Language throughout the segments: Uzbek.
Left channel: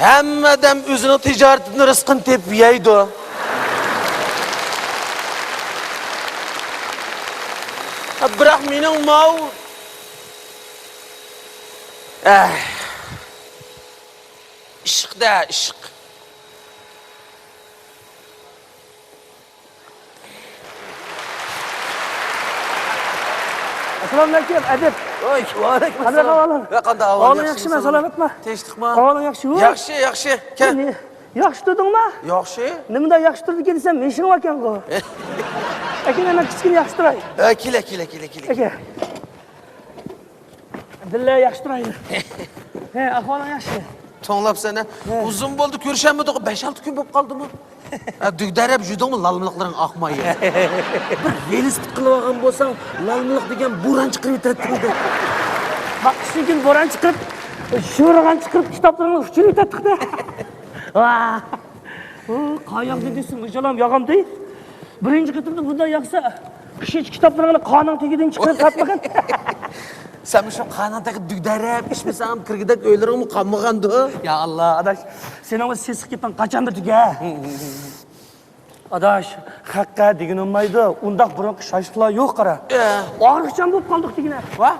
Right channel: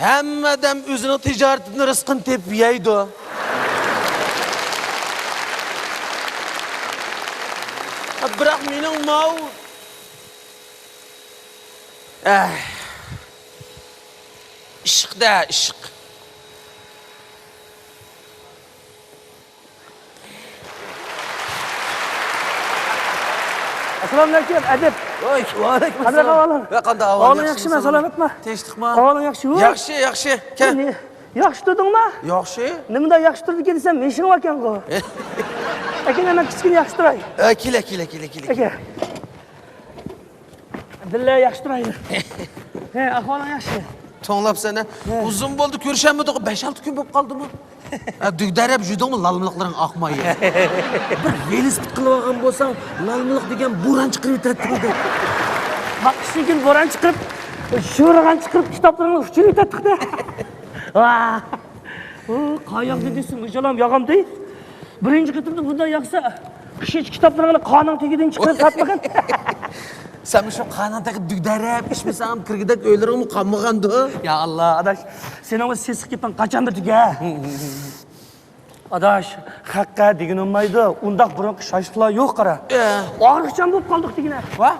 Hammadan o'zini tijoratini rizqini tepib yeydi. Biroq mening mau ishqda ishq. Assalomualaikum, Adib. Vaalaykum assalom. Qanday ahvol? Ahvoling yaxshimi, salomatmi? Tinchlikmi? Ahvoling yaxshimi? Yaxshi, yaxshi. Kel. Yaxshi turdingmi? Yaxshi. Nimada yaxshi turdi desam, men shunga ekan-ku. Aka, men kichkina yaxshi turay. Kela. Aka. Dilla yaxshi turaydi. Ahvoling yaxshi. To'nglab seni. Uzun bo'ldi ko'rishamidi, 5-6 kun bo'lib qoldimi? Dugdarab judimi lalmiliqlaring oqmaydi. Bir velosiped qilib olgan bo'lsang, lalmiliq degan bo'ron chiqib yetadi. Vaqtishdan keyin bo'ron chiqib, sho'rg'an chiqib, kitoblarni uchirib yetadi-da. Qayoqda desam, o'shalam yog'amdi. Birinchi qatimda bunday yoqsa, kichik kitoblarni qonun tegidan chiqarib satmagan. Sen şu kanadaki dügdarab, içmesem kırgıdak ölürüm kanmağandı. Ya Allah, adaş, sen ama ses kipan kaçandır tüge. Adaş, hakka degin olmaydı. Undaq bırak şaşlıklar yok kara. Ağırlıkçan bulup kaldık degine. Va?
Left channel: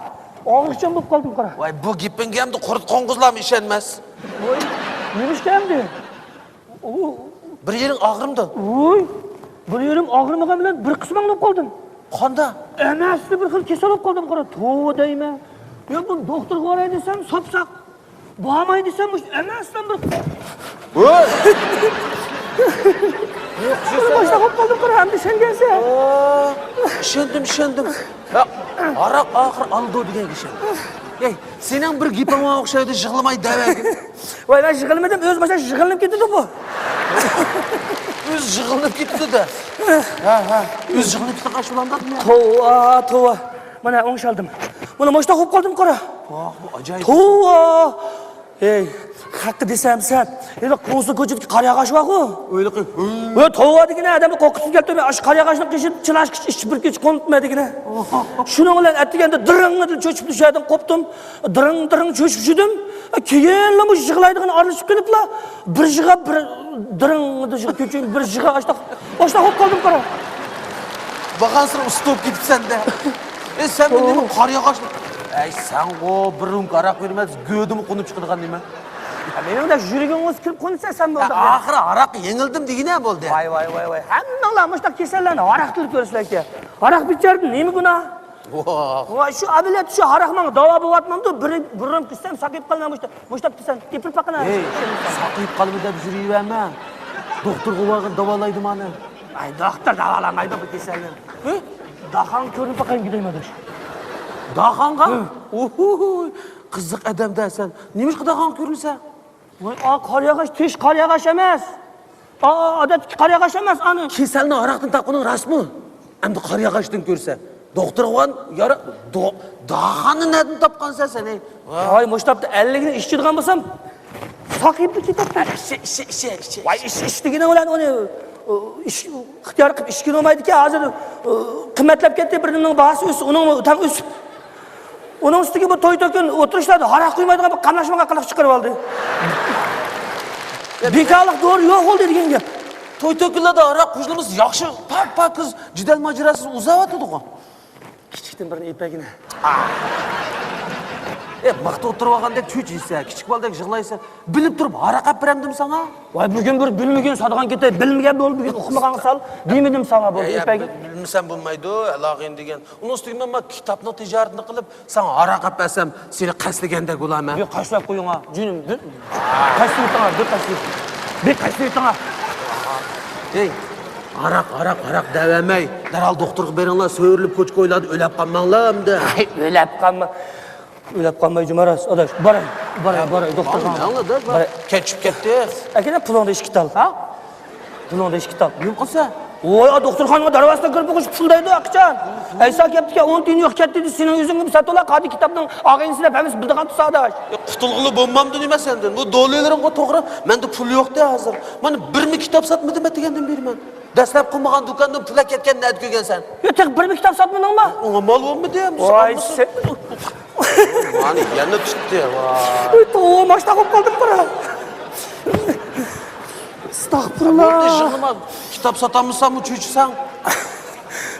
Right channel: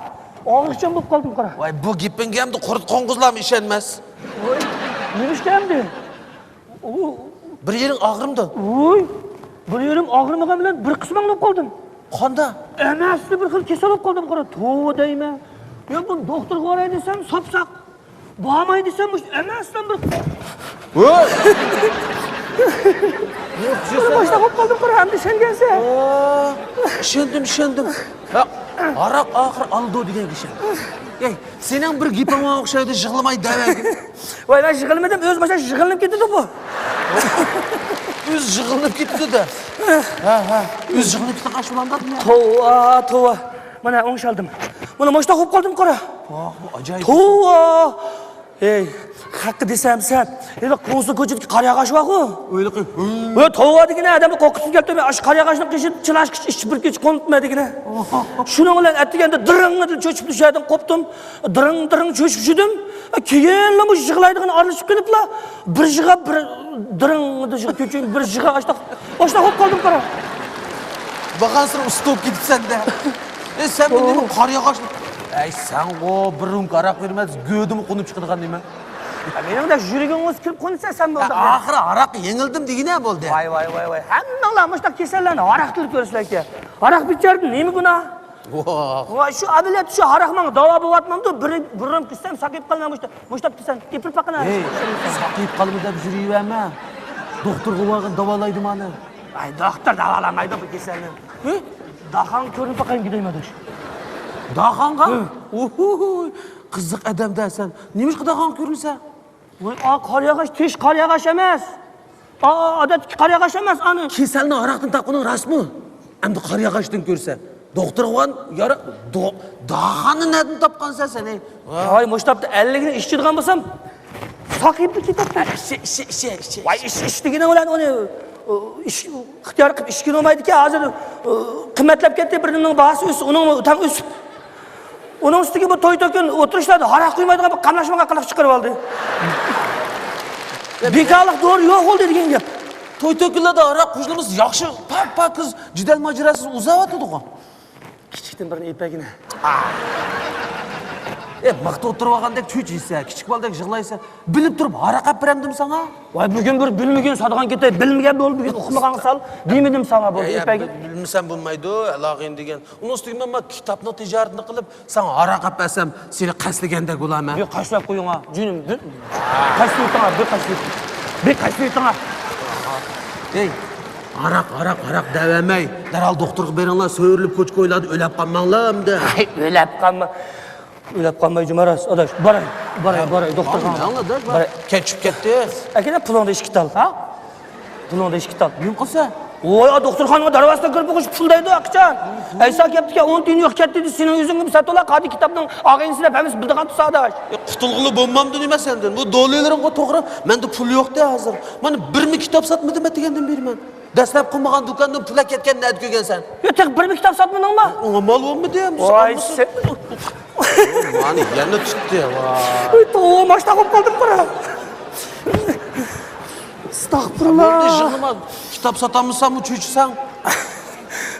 Ağırlıkçan bulup kaldım kara. Vay bu gipin gemdi kurut konguzlam işenmez. Neymiş geldi? Bir yerin ağrımdı. Oy, bir yerim ağrımagan bilen bir kısmını bulup kaldım. Kanda? Emasli bir xil kasal bo'lib qoldim qara. To'g'ri deyman. Yo bu doktorga boray desam, sopsaq. Bormay desam, emasdan bir. Voy! Boshqa bo'lib qoldim qara, endi sen kelsa. Ishondim. Aroq oxir aldo degan kishi. Ey, sening bir giping o'xshaydi, yig'lamay davagin. Voy, men yig'ilmadim, o'z boshqa yig'ilib ketdi bu. O'z yig'ilib ketdi-da. Ha. O'z yig'ilib ketdi qashlandimi? Tova. Mana o'ngshaldim. Mana boshqa bo'lib qoldim qara. Bu ajoyib. Tova. Ey, haqqi desam sen, endi qo'nsi ko'chib qariyag'ash-ku. O'yli qilib. Voy, tova degina odamni qo'qqisiz keldi. Men ash qariyag'ashni qishib, chilash ish bir kech qo'nitmadigina. Shuning bilan atganda diringni cho'chib tushadim, qopdim. Diring cho'chib tushdim. Keyin bu yig'laydigan aralashib keliblar. Bir yig'a bir diringni cho'chib, bir yig'a boshqa bo'lib qoldim qara. Baqansir ustib ketibsan-da. Sen buni qariyag'ash. Ey, sen o birim qaraq vermez, gödüm qo'nib chiqadigan nima? Menda yuragim o'z kirib qo'nsa sen bo'ldi. Oxiri aroq yengildim degina bo'ldi. Voy. Hammalar mushta kasallarni aroq qilib ko'rishlar kerak. Aroq bichardi, nima gunoh? Voy, shu abilat shu aroqman davo bo'lyapman-da, birim qissam saqib qolmam mushta desan, tepib baqana. Ey, saqib qolma deb yuraverma. Doktorga borib davolaydi meni. Ay, doktor davolamaydi bu kasalni. Dahan ko'rinib baqang gidaymadim. Dağanğa? Qiziq odamdasan. Nima qilgan ko'rinsa? Voy, qariyag'ash, tish qariyag'ash emas. Odatki qariyag'ash emas, ani. Kasalni aroqdan topqining rasmi. Endi qariyag'ashdan ko'rsa, doktorgan yara dağanni nereden topqansan sen? Voy, mushtapda 50 ni ishchidigan bo'lsam, saqibni ketadi. Voy, ish degani bilan uni ixtiyor qilib ishga olmaydi-ku, hozir qimmatlab ketdi, birining bahasi o'sib, uning tan o'sib. Onun üstüge bu toy-toyken oturuşlarda harak kuymaydıgan bir kamlaşmaga qilib chiqarib oldi. Bekarlik doğru yo'q oldu degan gap. Toy-toylarda harak qo'shilimiz yaxshi, pak qiz jidal majrasiz uzavatdi-ku. Kichikdan birini epagini. Maqta o'tirib olganda cho'chiysa, kichik boldek yig'laysa, bilib turib harak olib beramdim sana. Voy, bugun bir bilmagan sadagan ketay, bilmagan bo'lib, bugun o'qimagan sal demidim sana bu epagi. Bilmasam bo'lmaydi, alog'in degan. Uning ustiga men kitobni tijoratini qilib, sen harak olib bersam, seni qaslagandek bo'laman. Yo'q, qashlab qo'ying'a, junim. Qaslab. Ey, harak davamay. Daral doktorga beringlar, so'rilib ko'ch qo'yiladi, o'lab qolmanglar-da. O'ylab qolmay jumaras, adash. Boray, doktorga. Nima ketib ketdi. Akana pulingni ishga tal, ha? Pulingni ishga tal. Nima qilsa? Voy, doktorxonaga darvozasiga kirib qo'yish puldaydi, aqchan. Aysa ketdi-ki, 10 tiyin yo'q ketdi, sening o'zingga satolar qadi kitobning og'aynisida hamiz bildigan tusadash. Qutulg'ili bo'lmamdi nima sendan? Bu dollarlarimga to'g'ri, menda pul yo'q-da hozir. Mana 1000 kitob sotmadim degandan beriman. Dastlab qilmagan do'kondan pul ketgan nima ko'rgansan? Yo'q, bir kitob sotmadingmi? Unga mol bo'lmadi ham. Voy, Mani yana chiqdi. To'g'ri, mashta qolib qoldim bura. Astagfirullah. Bo'ldi, jig'ima kitob sotamsan, uchuvchisan.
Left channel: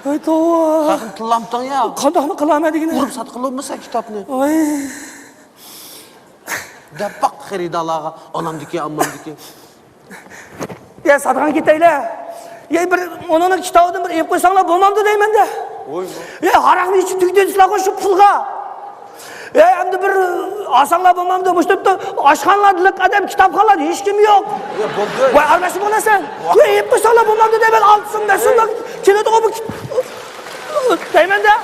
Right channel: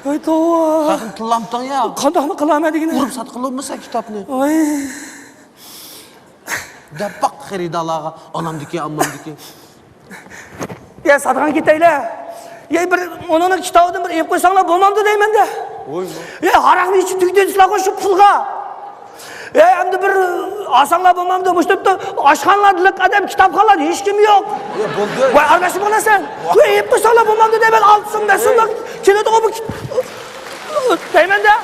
Voy to'g'ri. Haqim tillamdan ya. Qandoqmi qilaman degini? Urib sotqilolmasa kitobni. Voy. Dabaq xaridalaga, onamdiki, ammamdiki. Ya sotgan ketaylar. Ya bir onun kitobini bir yeb qo'ysanglar bo'lmamdi deyman-da. Voy. Ya haraqni ichib tugdensizlar shu pulga. Ya endi bir asanglar bo'lmamdi. Bu yerda oshxonalar qadam kitobxonlar hech kim yo'q. Ya bo'ldi. Voy almashib qolasan. Ya yeb qo'ysanglar bo'lmamdi deyman. 6 so'm, 5 so'm keladi bu. Deyman-da.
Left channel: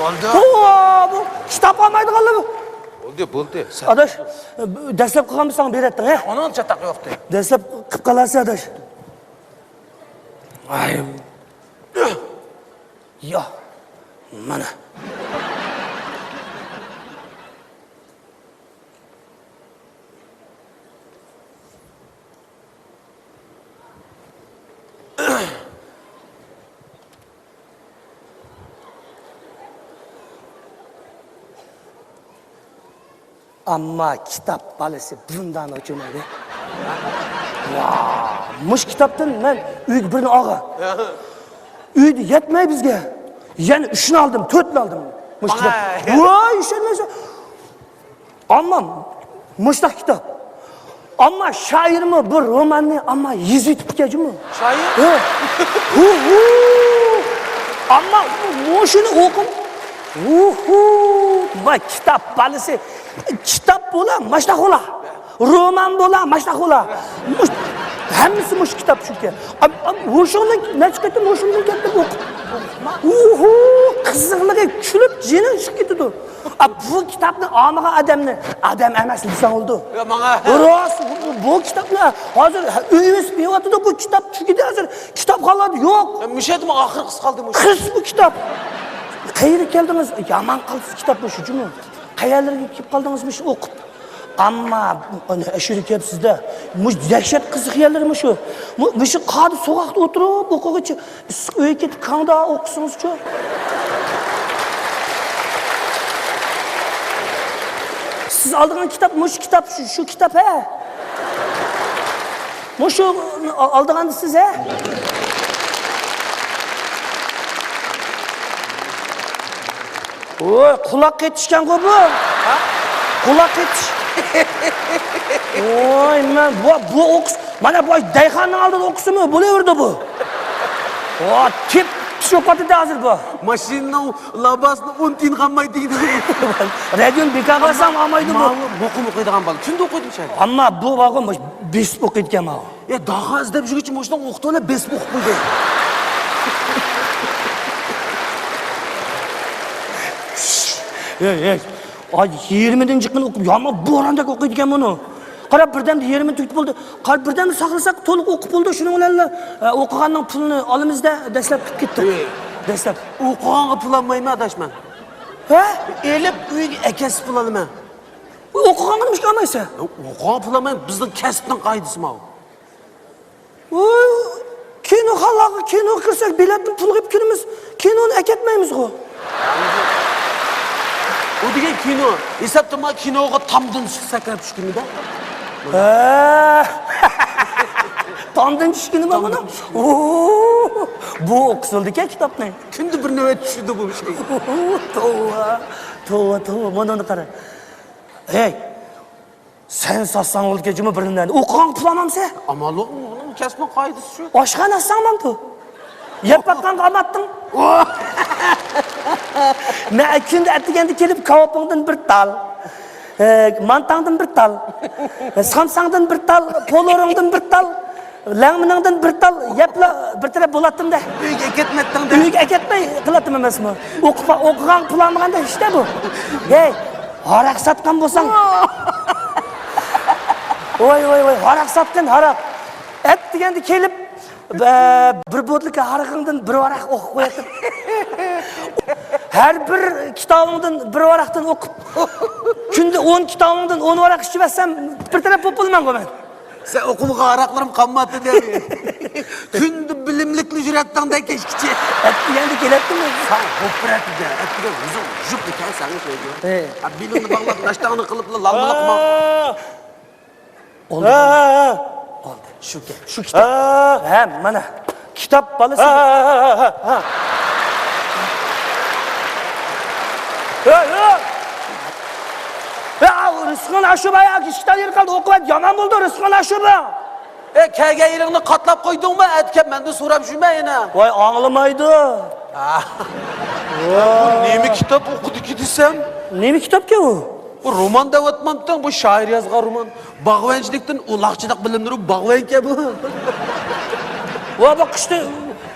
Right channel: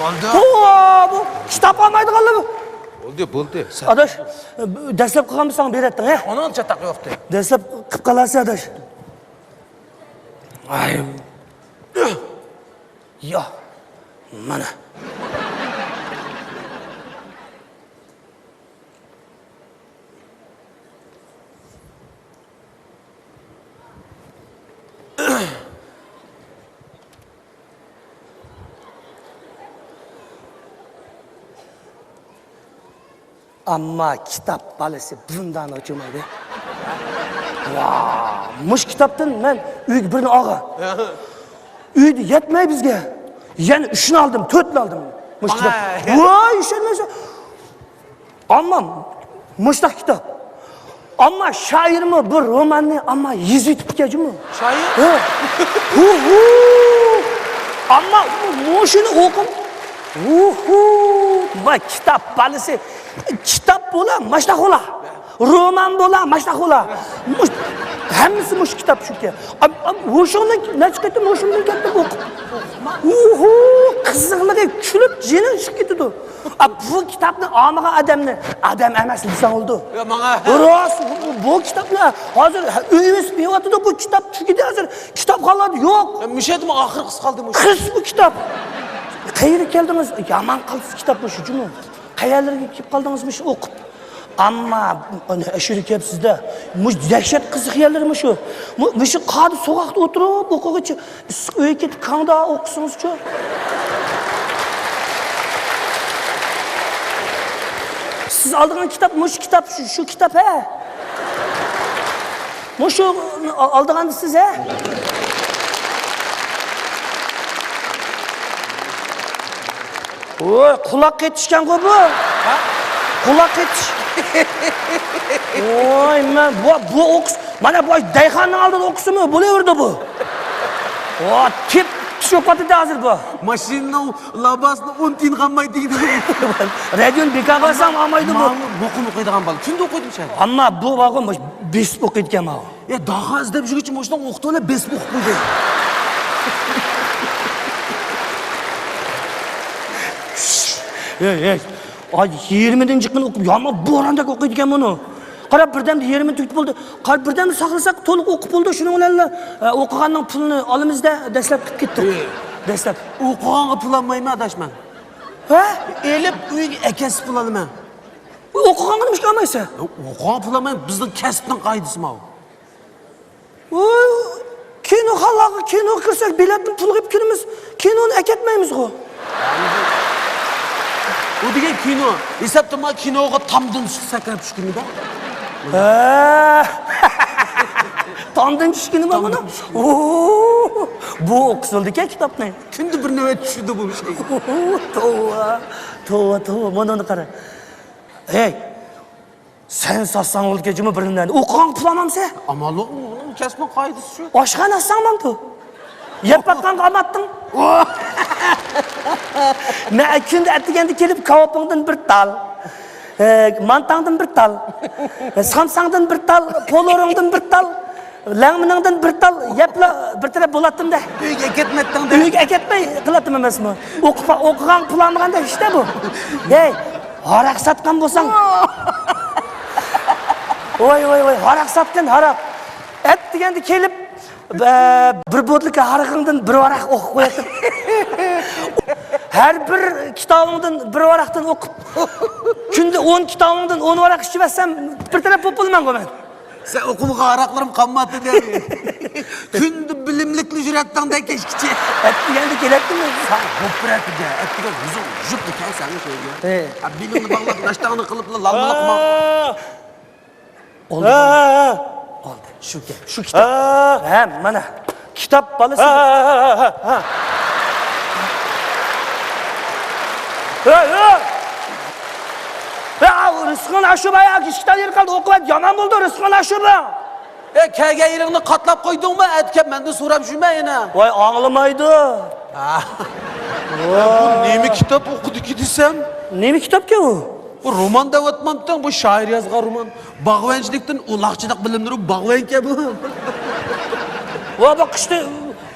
Bo'ldi. Bu kitob olmaydiganlar bu. Bo'ldi. Adaş, dastlab qilganmisan beratding, ha? Onun chataq yo'qdi. Dastlab qilib qolasiz, adaş. Ay. Ya. Mana. Amma kitap balası bundan uçumadı. Muş kitaptan ben uyga birini ağa. Uyda yetmey bizge. Yani 3'ünü aldım, 4'ünü aldım. Muş kitap. Vay işenmezse. Amma muştak kitap. Amma şair mi bu romanı ama yüzü tüpkeci mi? Şair? Amma muşunu okun. Vay kitap balası. Kitap bo'la, mashta qo'la. Roman bo'la, mashta qo'la. Hammasi mush kitap shuki. O'shuni nachqatda o'shuni katta o'qib. Qiziqligi kulib jini chiqib ketdi. Bu kitapni omaga adam emas desan oldu. Ya menga Rost bu kitaplar hozir uyimiz beyotida bu kitap chukida hozir kitobxonlar yo'q. Mishedim oxir qis qoldim. Qis bu kitap. Qayerga keldingiz? Yaman qilsiz kitapni shuchunmi? Qayerlarga kelib qoldingizmi shu o'qib? Amma ashuri kelibsizda. Mush dahshat qiziq yerlarmi shu? Shu qadi so'qoqda o'tirib o'qig'ichi issiq uyga ketib qanda o'qisingiz-chi? Siz aldığın kitap, muş kitap, şu kitap he. Muşu aldığınız siz he. Oy, kulak yetişken bu. Kulak yetiş. Oy, men bu okus, mana bu dayxanın aldığın okusu mu? Bu ne vurdu bu? O, tip psikopadı da hazır bu. Maşinning labasini 10 tiyin qolmaydi deydi. Radyon bekar qilsam olmaydi bu. Ma'lum o'qib o'qiydigan bola. Kimda o'qiydi o'sha? Amma bu vaqon bes o'qiydigan ma. Ya daha izlab yurguncha moshdan o'qitona bes o'qib qo'ydi. Ay 20-ci kun o'qib, yama bo'randek o'qiydigan buni. Qarab birdamda 20 tugib bo'ldi. Qarab birdamda saqlasak to'liq o'qib bo'ldi. Shuni bilan o'qiganning pulini olamizda dastlab ketdi. Dastlab O'qiganga pul olmayman adashman. ha? Elib uyga akasi pul olaman. O'qiganga nima qilmaysa? O'qigan pul olmayman, bizning kasbning qoidasi bu. Voy, kino xalaqi kino qilsak biletni pul qilib kirimiz. Kinoni akatmaymiz-ku. O degan kino, esabtama kinoga tomdan sakrab tushganida. Tomdan tushganimi buni? Bu o'qisildi-ku kitobni. Kunda bir navbat tushdi bu şey. Tova, mana qara. Hey, sen satsang o'lkajimi birindan. O'qigan pul olmamsa? Amal yo'q, uning kasbning qoidasi shu. Oshxona assangman-ku. Yeb baqqan qamatding. Men kunda atiganda kelib kavopingdan bir tal. Mantangdan bir tal. Samsangdan bir tal, poloringdan bir tal. Langminingdan bir tal yebla bir taraf bo'latdim-da. Uyga ketmatdim. Uyga ketmay qilatim emasmi? O'qigan pul olmaganda işte bu. Hey, haraq satgan bo'lsang. Voy, haraq satgan, haraq. Et deganda kelib bir bo'tlik haraqingdan bir varaq o'qib qo'yatib. Her bir kitobingdan bir varaqdan o'qib. Kunda 10 kitobingdan 10 varaq ichib olsam bir taraf bo'lmayman men. Sen okumuğa araklarim qanmadı der. Kündü bilimlikli jüretten de keşkiçi. Yani kelepti mi? Sen koprat der. Atlı huzur jüp tutar seni koyuyor. Bilimini bağlap naştağını kılıpla lalmalık mı? Oldu. Oldu. Şu kitap. Ha, mana. Kitap balısı. Rızkın aşıba ya. Kişiden yer kaldı. Okuvat yaman buldu Rızkın aşıba. Kege yerini katlap koydun mu? Etkep ben de soram jüme yine. Vay ağlamaydı. Neymi kitap okudu ki desem? Ne mi kitap ki o? Bu roman da ötmemden bu şair yazgan roman. Bağvençilikten ulakçılık bilimleri bağven ki bu. Vay bak işte.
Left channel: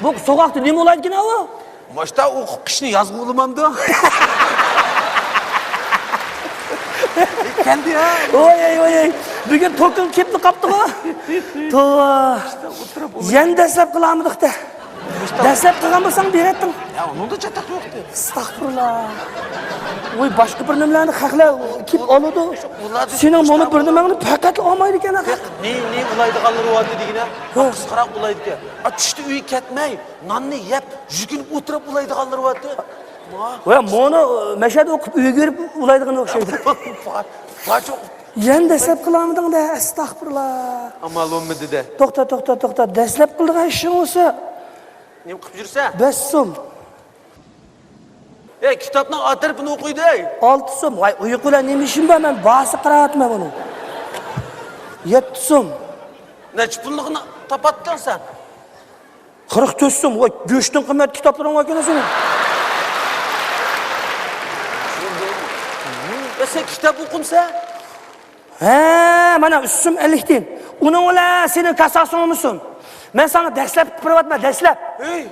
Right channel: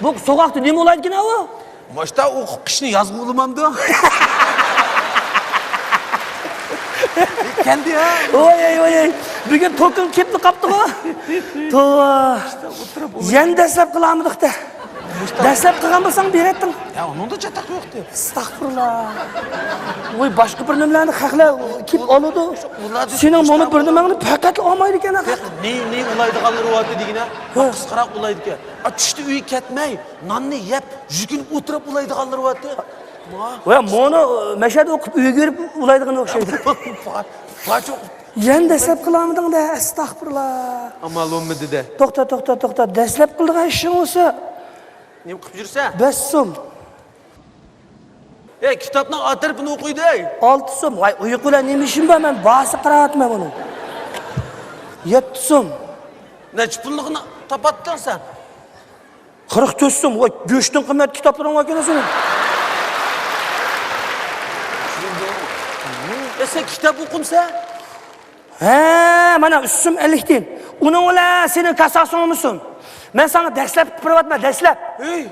Bu sokakta ne mi olaydı ki ne o? Başta o kışını yazgı olmamdı. Geldi ya. Oy. Bugün tokun kepni kaptı mı? Tova. Yen deslep kılamıdık da. Deslep kılamırsan bir ettin. Ya onun da çatak yoktu. Estağfurullah. Oy başka bir nümlerini kakla kip oludu. Senin bunu bir nümlerini pakat olmaydı ki. Ne ulaydı kalır o adı digine? Kısqarak ulaydı ki. Atıştı üyü ketmey. Nanını yep. Jükün oturup ulaydı kalır o adı. Oya bunu meşhede okup üye görüp ulaydığını okşaydı. Kaç ok. Yen deslep kılamıdın da estağfurullah. Ama olmadı de. Toxta. Deslep kıldığın işin olsa. Ne okup жүрсе? 5 so'm. Kitapdan atarıpını okuydu ey. 6 so'm. Vay uyqula nima ishim bor, men bahsi qiraatma buni. 7 so'm. Neçi pullığını tapattın sen? 44 so'm. Vay go'shtning qimmat kitoblarini olgansan. Sen kitap okumsa? Ha, mana üstüm 50 den. Uning ola sening kasasing musun? Men sana dastlab qilyapman, dastlab. Ey.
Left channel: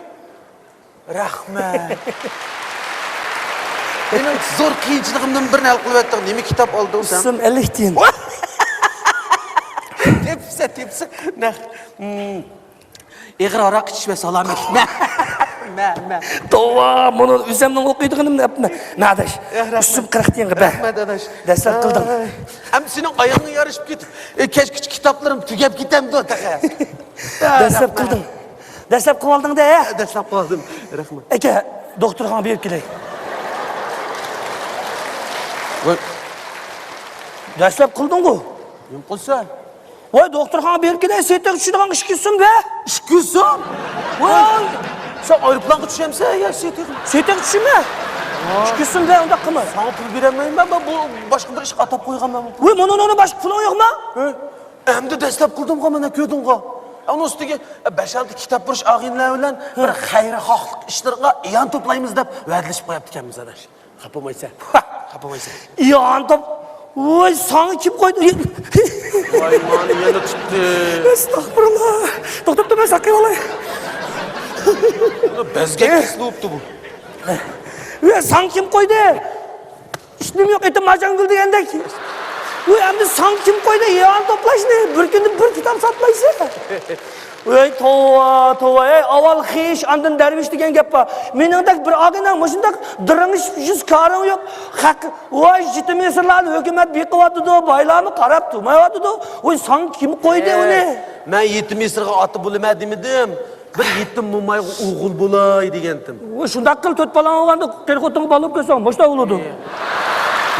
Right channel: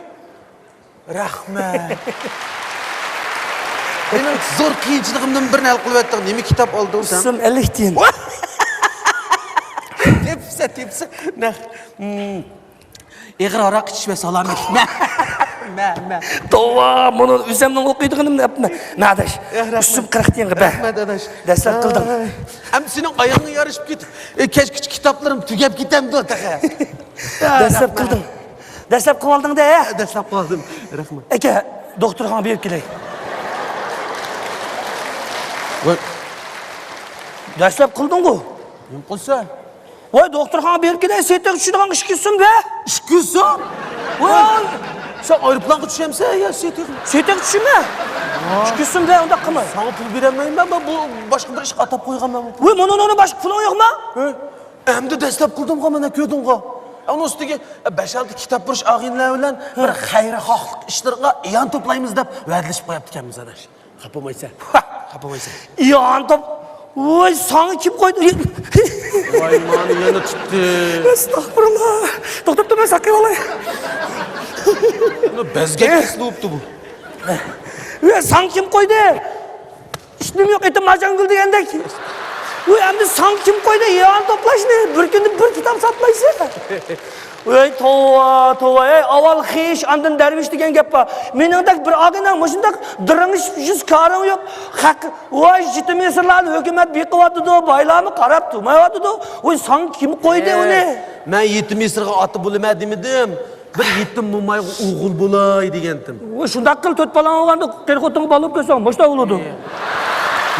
Rahmat. Benim zor kıyınçılığımdan birini hal kılıp ettin. Nemi kitap aldın sen? Üstüm 50 den. Tepsi. Ne? Eğer arak içme salamet. Me. Tova, bunu üzemden okuyduğum ne yapma. Nadaş. Üstüm 40 den. Rahmet adaş. Dastlab qildim. Hem senin ayağını yarışıp git. Keşke kitaplarım tükep gitem de otağa. Dastlab qildim. Dastlab qilib olding da, ya. Dastlab qildim. Rahmat. Aka, doktorxonaga berib kelay. Dastlab qilding-ku. Nima qilsa? Voy, doktorxonaga berib kelay, setga tushadigan ish ketsin be. İş kılsa? Voy, Sen aeroplanga tushemsa ya setga. setga tushma. Ish ketsin be, unda qilma. Sana pul beremeyim ben bu başka bir iş atap koygan ben. Voy, mana boshqa puling yo'qmi? Hem de dastlab qildim ga mana ko'rding-ga. Onun üstüge 5-6 kitap burish ag'inlar bilan bir xayrixohlik ishlarga yon to'playmiz deb va'dalashib qo'yapti ekanmiz adash. Xapamaysan. Xapamaysan. Yon top. Voy, sana kim qo'ydi? Voy, mani yana tutdi. Estağfurullah. To'xtab turma, saqay olay. Bizga kesilibdi bu. Voy, sana kim qo'ydi? Ishim yo'q, etim majangul degandek. Voy, endi sana kim qo'ydi? Yon to'plashni bir kunda bir kitob sotmaysan. Voy, tova, ey, avval xish, andin darvish degan gap bor. Meningdek bir og'inang mushundak diringish yuz karing yo'q. Haq, voy, jitmisirlarni hukumat beqivyotdi, boylarni qarab turmayotdi. Voy, sana kim qo'ydi uni? Men yetim misirga oti bo'lmadim edim. Bir yetim mo'mayga o'g'il bo'lay degandim. Voy, shunday qil, to'rt balang olganda qirqoting bo'lib kelsan, boshda o'ladi.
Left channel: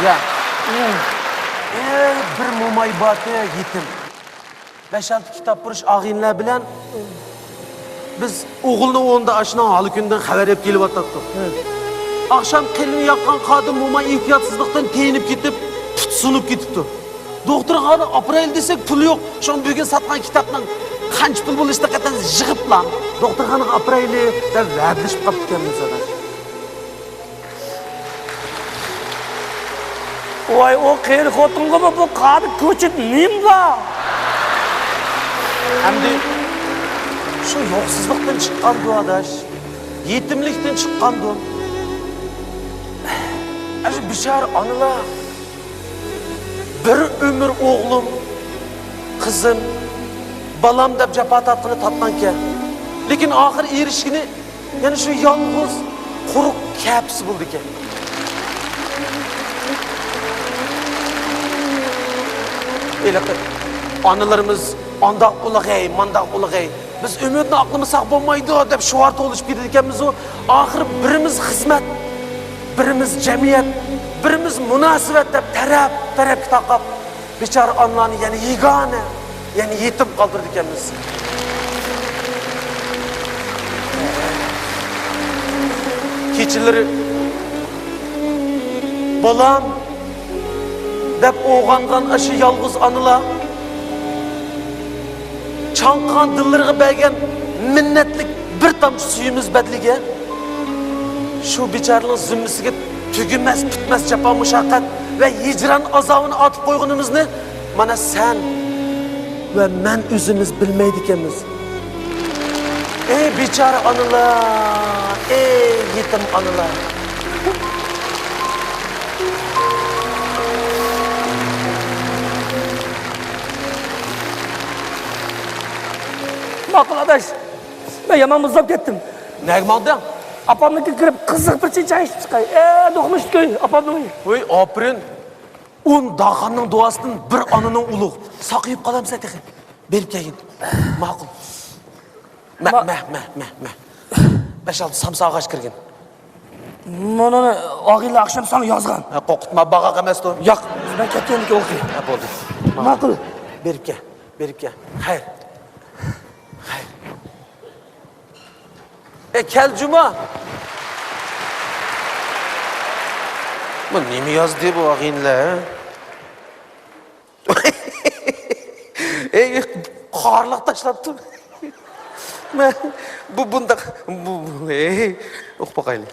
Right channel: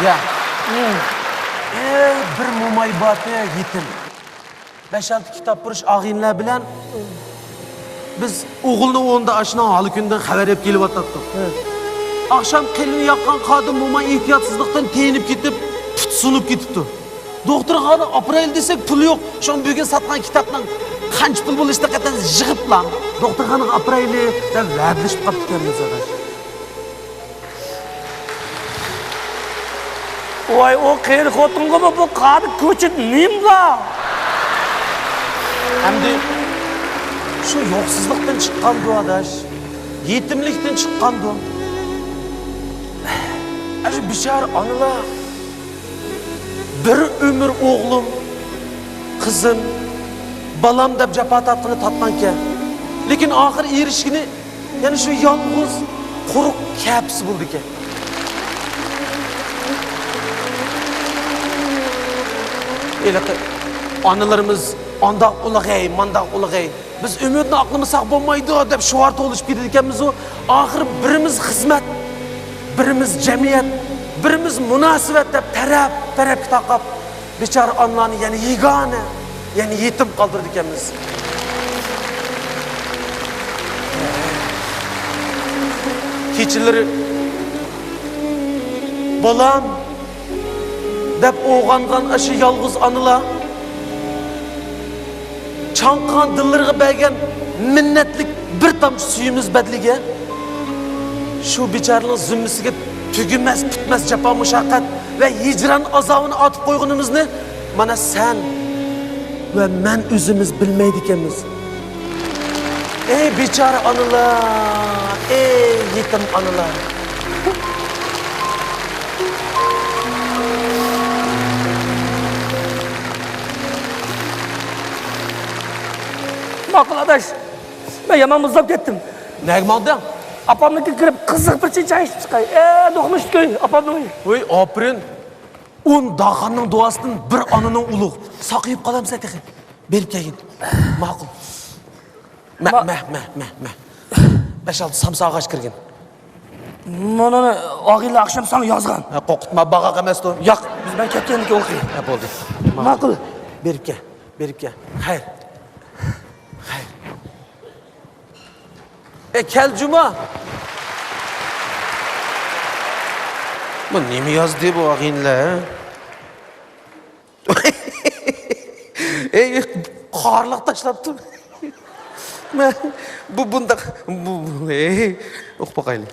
Ya. Bir mo'may boti yetim. 5-6 kitap burish ag'inlar bilan biz o'g'ilni o'nda ashna hali kundan xabar berib kelyapti. Akşam kelin yaqqan qodim mo'may ehtiyotsizlikdan teyinib ketib, tutsunib ketibdi. Doktorxona aprel desek pul yo'q. Shu bugun sotgan kitobdan qancha pul bo'lishda qatan yig'iblar. Doktorxona apreli deb va'dalashib qolibdi. Voy, o qirqotinga bu qadi ko'chit nimba? Endi shu yo'qsizlikdan chiqqan-ku adash. Yetimlikdan chiqqan-ku. Ana bechora onalar bir ömür oğlum, kızım, balam deb jafo tatqini tatmanken. Lekin oxir erishgini yana shu yolg'iz, quruq kapsi bo'ldi ekan. Analarımız Andaq ulag'ay, mandaq ulag'ay. Biz umidni aqlimisak bo'lmaydi deb shuvarta olishib ketdi ekanmiz u. Oxir birimiz xizmat, birimiz jamiyat, birimiz munosabat deb taraf taqab bechora onlarni yana yegona, yana yetim qoldirdi ekanmiz. Kechalari bolam deb o'g'angan aşı yolg'iz onalar chanqan dillariga bergan minnatlik bir tomchi suyimiz badliga shu bechoraning zimmasiga tugunmas bitmas jafo mushaqqat va hijron azobini otib qo'yganimizni mana sen va men o'zimiz bilmaydi ekanmiz. Ey bechora onalar, ey yetim onalar. Maqul adaş, ben yaman muzlab ketdim. Nega bo'ldi? Apamniki kirib qiziq bir chincha ichib chiqay. Do'qmish ko'y, apamning. Voy, opirin. 10 dağanның duasından bir anının uluq. Saqayıp qalamsa teqi. Berib kelgin. Ma'qul. Meh. 5-6 samsa ağaç kirgin. Mana og'iylar akşam sana yozgan. Qo'rqitma, baqa emas to. Yo'q. Ben ketganiki o'qiy. Bo'ldi. Ma'qul. Berib kel. Xayr. Kel Cuma. Bu nima yozdi bu og'inglar? Ey, qorliq tashlabdi. Bu bundaq o'qib boqaylik.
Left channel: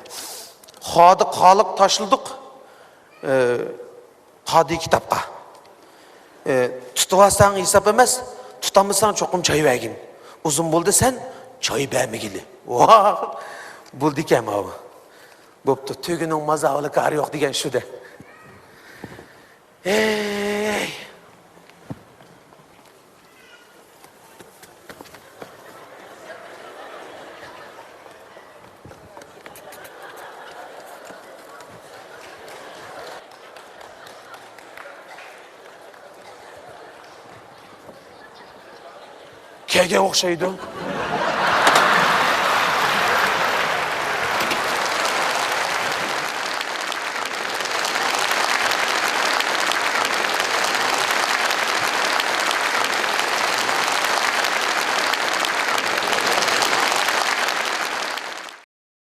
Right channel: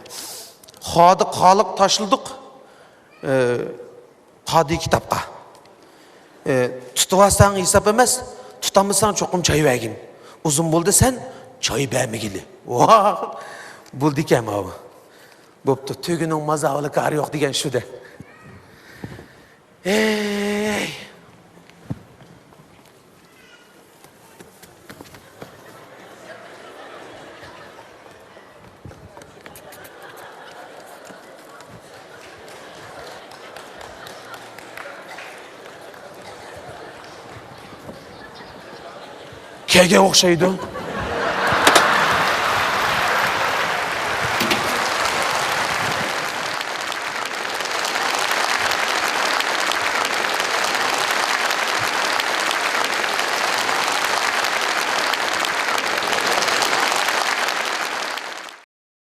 Qoliq tashildik. Qodi kitobga. Tutvasan hisob emas, tutamasan cho'qim choy bergin. Uzun bo'ldi sen choy bermagili. Bo'ldi ekan bu. Bo'pti, tugining mazavli qari yo'q degan shuda. Ey. Kelgan o'xshaydi.